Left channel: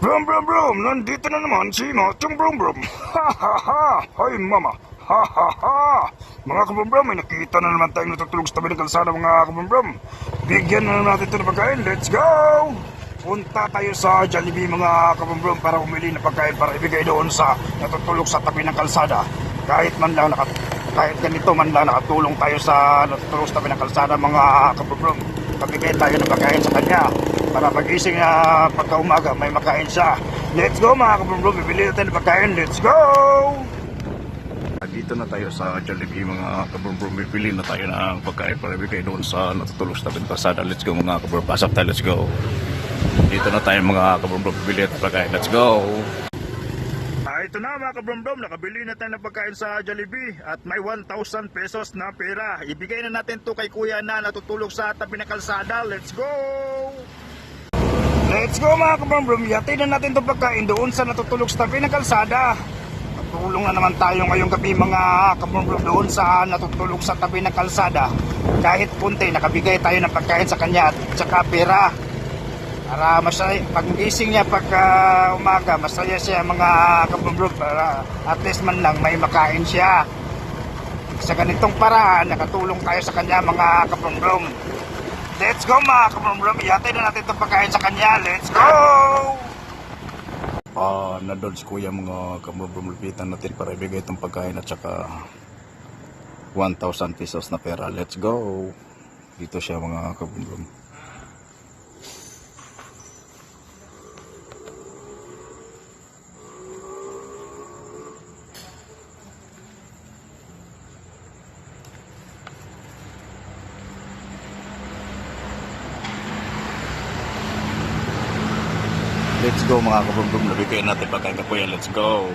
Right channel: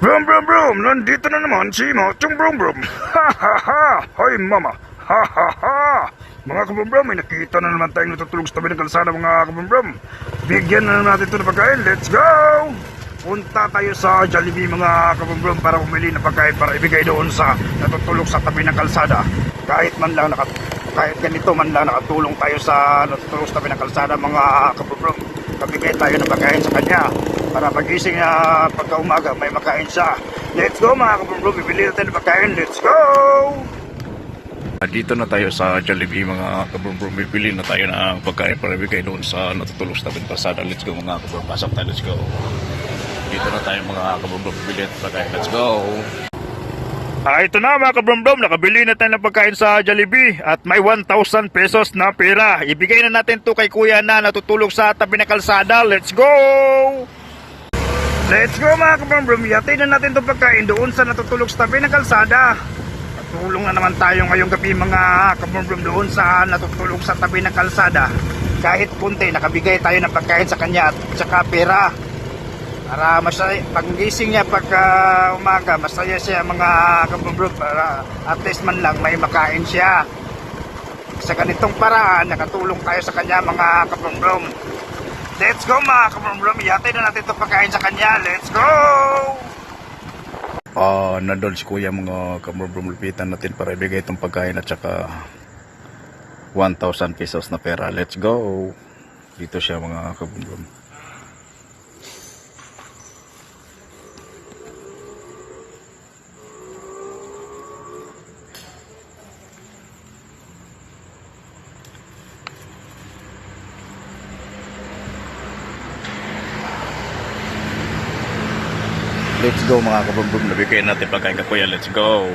Brum brum brum, nandito na naman si Machong Brum Brum. Ha ha ha, hoy mama. Ha ha ha. Mga kabrum brum, may nakita na naman tayong natutulog sa tabi ng kalsada mga kabrum brum. Bigyan na naman natin ito ng pagkain, let's go! Punta tayo sa Jollibee mga kabrum brum para bumili ng pagkain para ibigay doon sa natutulog sa tabi ng kalsada. Kahit man lang nakat kahit ganito man lang nakatulong tayo sa natutulog sa tabi ng kalsada mga kabrum brum. Kabigay tayo ng pagkain sa kanya para pagising na pagka umaga may makain siya. Let's go mga kabrum bibili natin ng pagkain. Let's go! Dito na tayo sa Jollibee mga kabrum bibili na tayo ng pagkain para bigay doon sa natutulog sa pasada. Let's go mga kabrum pasok tayo. Let's go. Dito na tayo mga kabrum bibili ng pagkain. Let's go! Ah, ito na mga kabrom nakabili na tayo ng pagkain sa Jollibee at may 1,000 pesos na pera. Ibigay na natin to kay kuya na natutulog sa tabi ng kalsada. Let's go! Let's go mga kabrom Yatid na natin itong pagkain doon sa natutulog sa tabi ng kalsada. Tulong na naman tayo ngayong gabi mga kabrom doon sa natutulog sa tabi ng kalsada. Kahit kunti, nakabigay tayo ng pagkain sa kanya at saka pera. Para masaya, pag gising niya pagka umaga, masaya siya mga kabumbrog para at least man lang may makain siya. Sa ganitong paraan, nakatulong tayo sa kanya mga kabumbrog. Let's go mga kabumbrog, iyatay na natin itong pagkain sa kanya. Let's go! Ah, nandun si kuya mga kabumbrog, lupitan natin para ibigay itong pagkain at saka 1,000 pesos na pera. Let's go! Dito siya mga kabumbrog. Let's go mga kabumbrog, nabigay natin pagkain ka kuya. Let's go!